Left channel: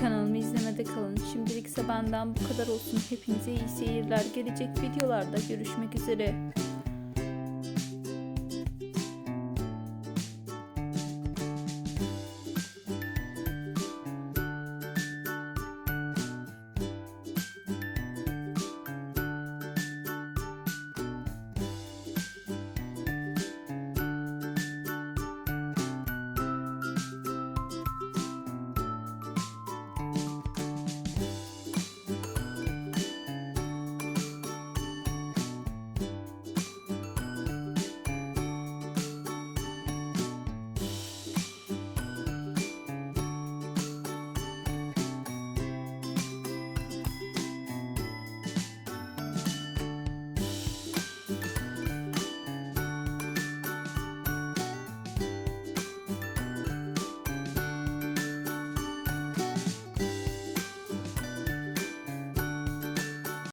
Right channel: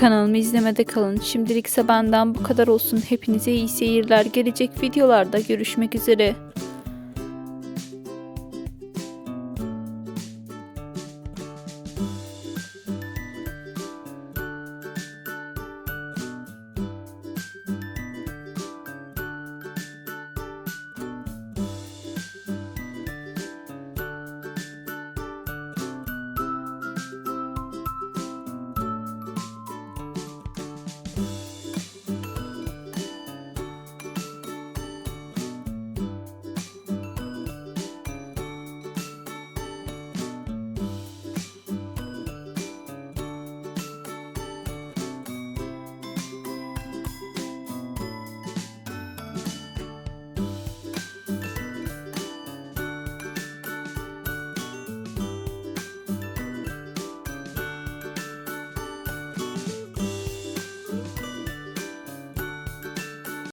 Kanalımı izlemede kalın. Şimdilik ise benden bu kadar olsun. Hepinize iyi seyirler. Gelecek videolarda görüşmek üzere.